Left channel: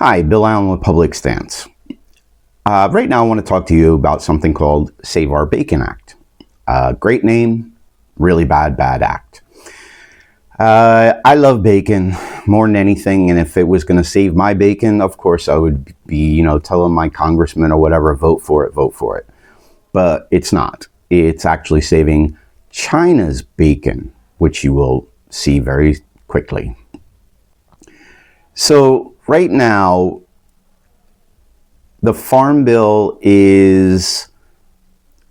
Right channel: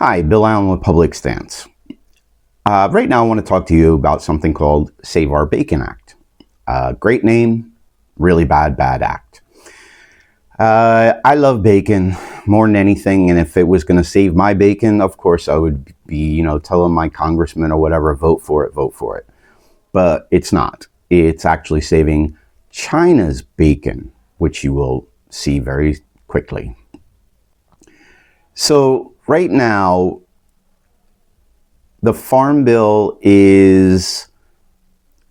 Hi, Bill Allen with Public Stance. Right now, I want to talk to you about something called Save Our Bacon Act. Great name, really bad act. I love bacon more than anything, and if it was going to save my bacon, of course, I would be, telling my congressman or whatever, vote for it. But it's not. It's actually saving China's bacon, which you will see very quickly. So right now, the Farm Bill is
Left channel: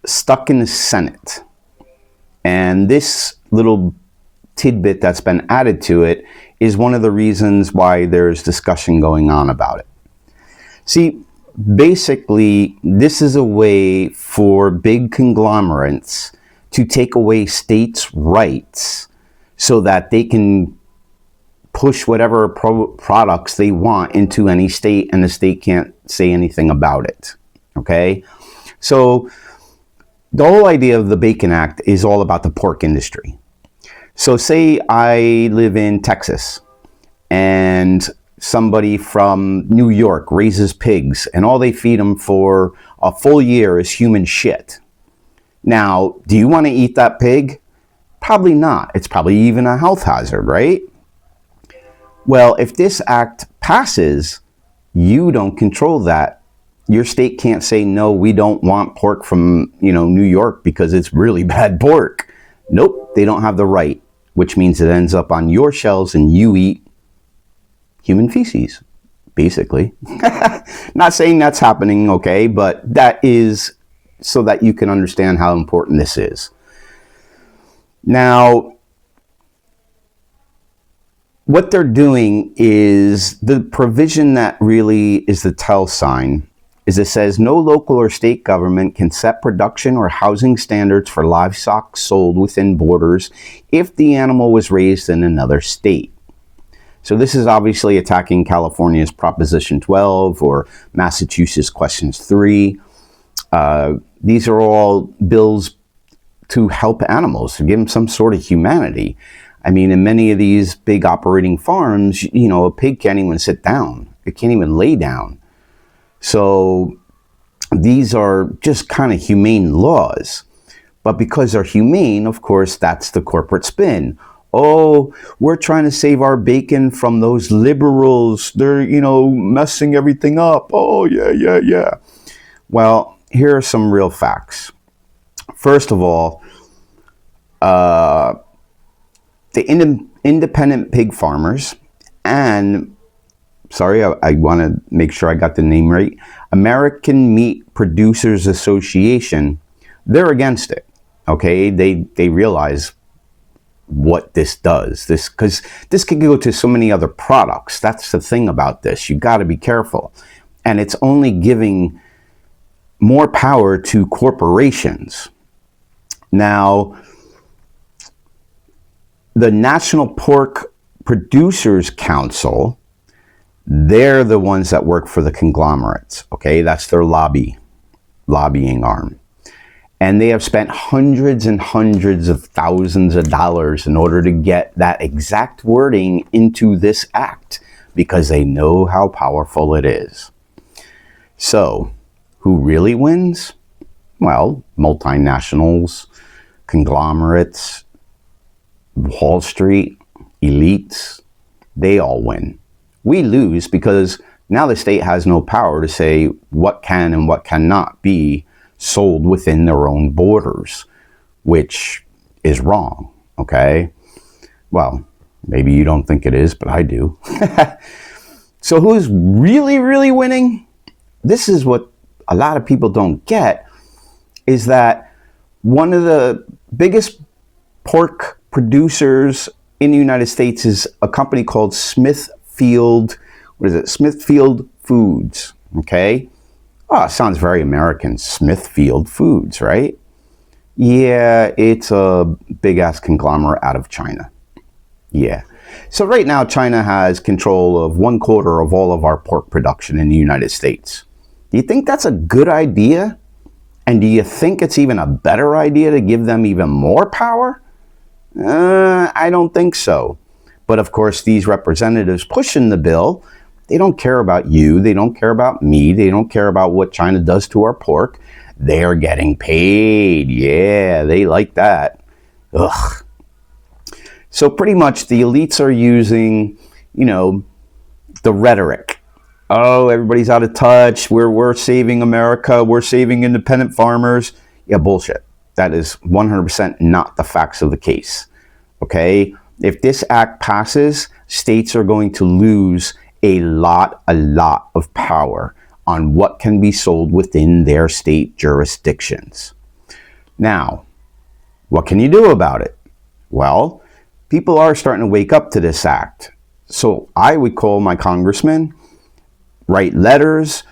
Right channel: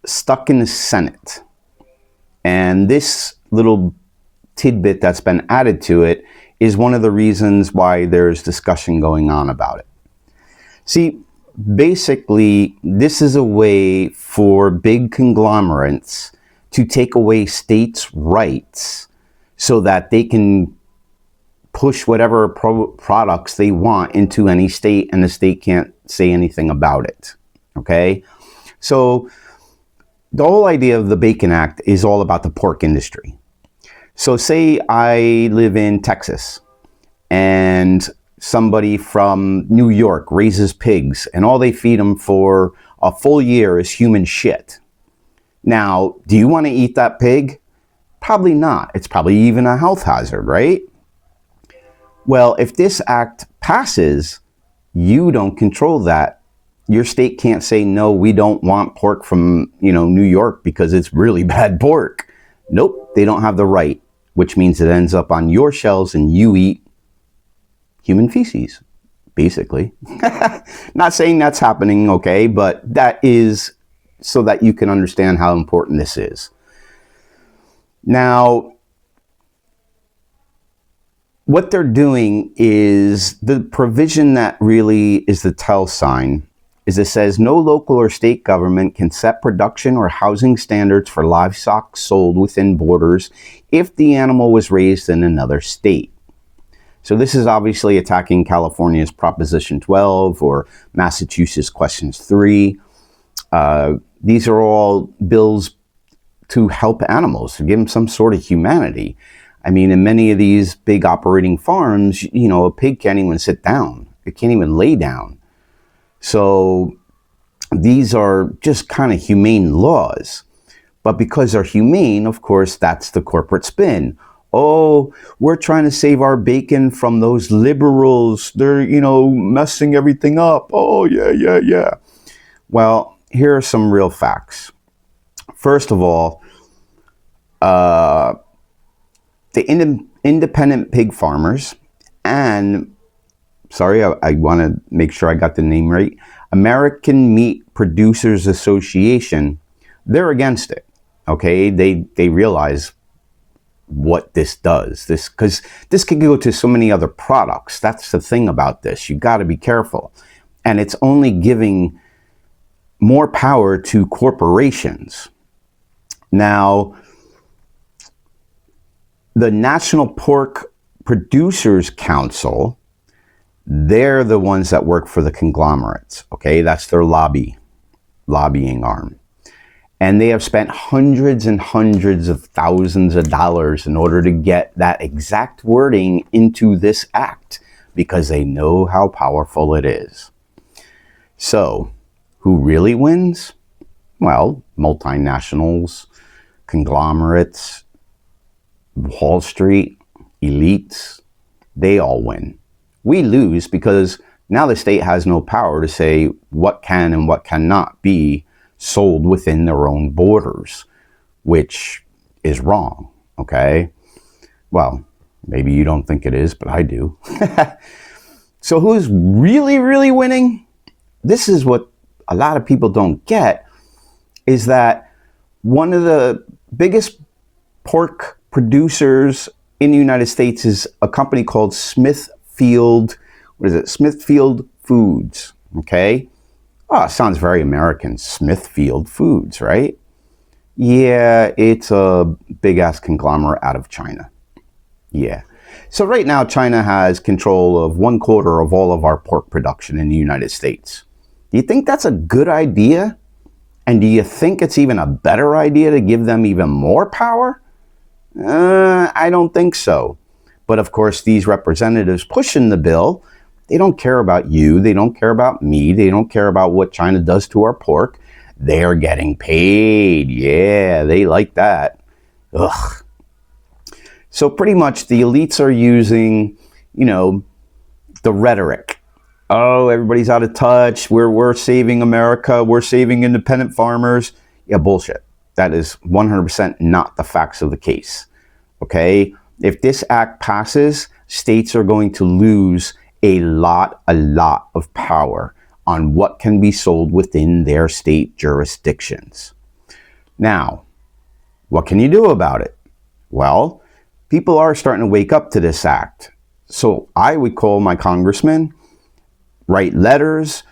stuck in the Senate. And this little tidbit that's been added to it is one of the reasons why there's discussion going on about it. See, basically, this is a way for big conglomerates to take away states' rights so that they can push whatever products they want into any state, and the state can't say anything about it. Okay? So the whole idea of the Bacon Act is all about the pork industry. So say I live in Texas and somebody from New York raises pigs and all they feed them for a full year is human shit. Now, do you want to eat that pig? Probably not. It's probably even a health hazard, right? Well, if this act passes, you don't control that. Your state can't say, no, we don't want pork from, New York because it's really bad pork. Nope, they don't have the right, which means it ends up on your shelves and you eat human feces, basically. Not saying that's happening, okay, but that is so that you can understand how important this is. Now, what they're doing is the provision that really is the tell sign is it says no local or state government can set production or housing standards for livestock sold within borders if the animal was raised in another state. So this is obviously attacking California's Proposition 12 or Massachusetts Questions 3. These are all bills to help animals, to give them some sort of humanity. I mean, in many of these big operating farms, a pig can't even sit down. It can't even lay down. So these are just kind of humane laws. But because they're humane, of course, that's the corporate spin. Oh, we're trying to save our bacon from those liberals. They're, messing everything up. Oh, yeah. Well, here are some real facts. First of all, the independent pig farmers and, I want to make sure I got the name right, American Meat Producers Association, they're against it. Okay, they realize what this does. Because this could go to so many other products. That's the thing about this. You got to be careful. And it's only giving more power to corporations. Now, the National Pork Producers Council, they're the ones that work for the conglomerates, okay? That's their lobbying arm. And they have spent hundreds and hundreds of thousands of dollars in order to get that exact wording into this act because they know how powerful it is. So, who really wins? Well, multinationals, conglomerates, Wall Street, elites, they all win. We lose because now the state has no power to say what can and what cannot be sold within their own borders, which is wrong, okay? Well, maybe you don't think it is, but I do. So who's really, really winning? This is what a lot of people don't get, is that one of the biggest pork producers in the United States is a company called Smithfield Foods, okay? Oh, it sounds very American, Smithfield Foods, right? Yeah, it's a big-ass conglomerate out of China. Yeah. So right now, China has control of 1/4 of all of our pork production in the United States. Do you think that's a good idea? And do you think it's even a better idea to give them even more power? I don't think so. But of course, these representatives pushing the bill They don't care about you. They don't care about me. They don't care about what China does to our pork. They are getting paid. Yeah, they like that. Ugh. So pretty much the elites are using, the rhetoric. Oh, everybody's out of touch. We're saving America. We're saving independent farmers. Yeah, bullshit. That is 100% not the facts of the case. Okay? If this act passes, states are going to lose a lot of power on what can be sold within their state jurisdictions. Now, what can you do about it? Well, people are starting to wake up to this act. So I would call my congressman, write letters,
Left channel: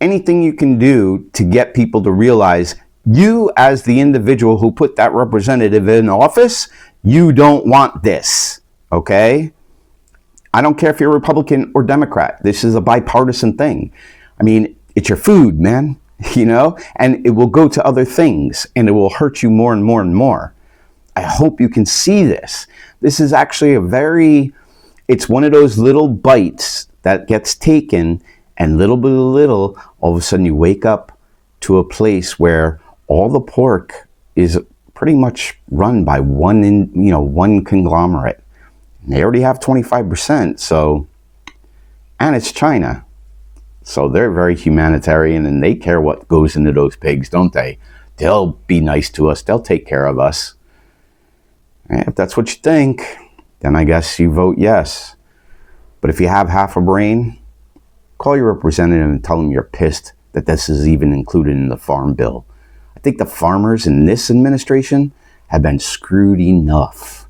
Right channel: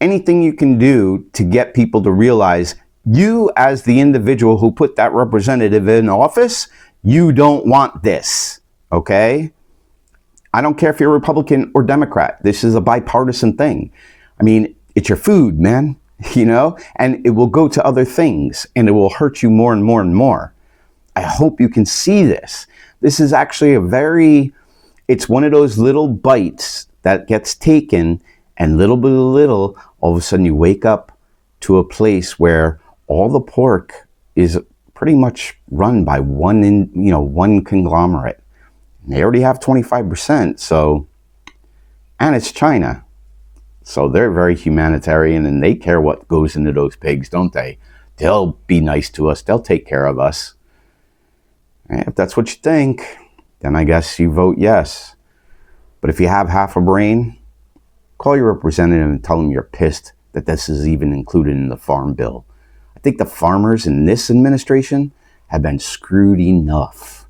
anything you can do to get people to realize you, as the individual who put that representative in office, you don't want this, okay? I don't care if you're Republican or Democrat. This is a bipartisan thing. I mean, it's your food, man, and it will go to other things, and it will hurt you more and more and more. I hope you can see this. This is actually it's one of those little bites that gets taken, and little by little, all of a sudden you wake up to a place where all the pork is pretty much run by one conglomerate. And they already have 25%, and it's China. So they're very humanitarian, and they care what goes into those pigs, don't they? They'll be nice to us. They'll take care of us. And if that's what you think, then I guess you vote yes. But if you have half a brain, call your representative and tell them you're pissed that this is even included in the farm bill. I think the farmers in this administration have been screwed enough.